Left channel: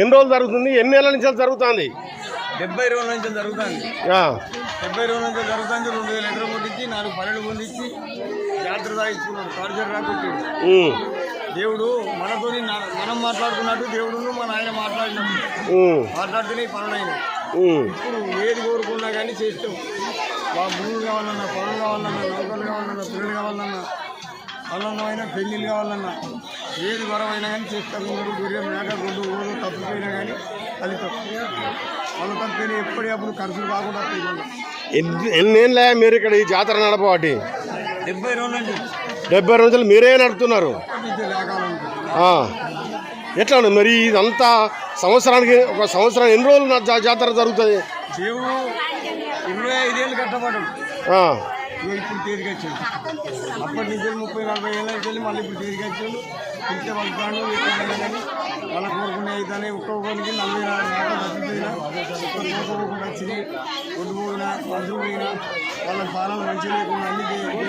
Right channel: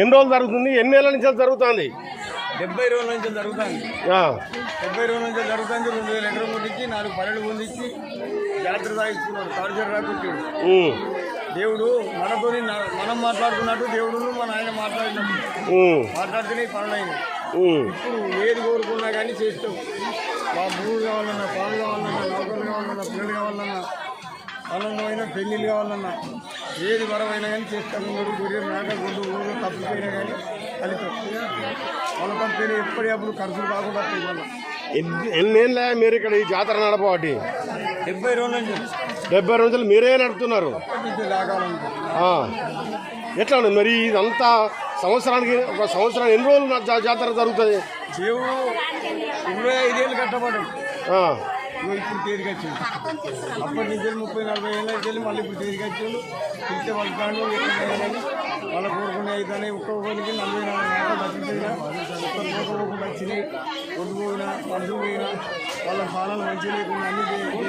ఎన్ని రోజులు జరుగుతుంది? ఎన్ని నెలల నుంచి జరుగుతుంది? 70 రోజుల నుంచి జరుగుతుంది. 70 రోజుల నుంచి జరుగుతుంది. 2000 ఎకరం కొట్టించి 4 పల్లెలు పొందించి జాతర సాగిస్తున్నాడు. తాడిచేరు రాకొచ్చాడు. దేవుడు మనతోని మనం మాట్లాడుకున్నట్టు దేవుడు మన ఆయన మాట్లాడితేనే పనులు అయినాయి. ఇప్పుడు ఏది కోరుకున్నా కానీ చేస్తాం. మా భూములు కావాలన్నా, పనులు కావాలన్నా, నౌకలు కావాలన్నా, పిల్లలు కావాలన్నా, ఆనందమైన పెళ్ళిళ్ళు కావాలన్నా, ఏది వరమైనా కానీ చేస్తాకున్నాడు. గుర్రె మేక గుడ్డు ఊరు తప్పిపోయినా కానీ ఫలితం వాళ్ళ తప్పిపోయినా ఎప్పటికప్పుడు ఖర్చులు కాకుండా ఎన్నేళ్ళ మీరు ఇక్కడ ఈ జాతర నడపబట్టి? 70 రోజుల నుంచి. 70 రోజులు మీరే నడుపుతున్నారు? ఎట్లా మరి ఇదంతా సంవత్సరానికి ఒక సంవత్సరం ఎన్ని రోజులు జాతర జరుగుతుంది? దేవుడు 25 ఏళ్ళు కట్టబడ్డాడు. ఇప్పుడు తేలిక వచ్చాడు. అప్పటి నుంచి 30-40 ఏళ్ళ నుంచి మళ్ళీ ఇప్పుడు తేలిక వచ్చాడు. పిలిచే వెళ్తాడు. ఎక్కడైనా కానీ వాళ్ళ కోరుకునే అయితేనే ఒక్కొక్కరికి 40 మేకలు తప్పిపోయినా, ఒక్క పోకుండా వచ్చినాయి. ఒడ్డు పోయినా, మనుషులు పోయినా, వాళ్ళ పాలన మంచిగా లేకుండా అన్ని చేయాలి.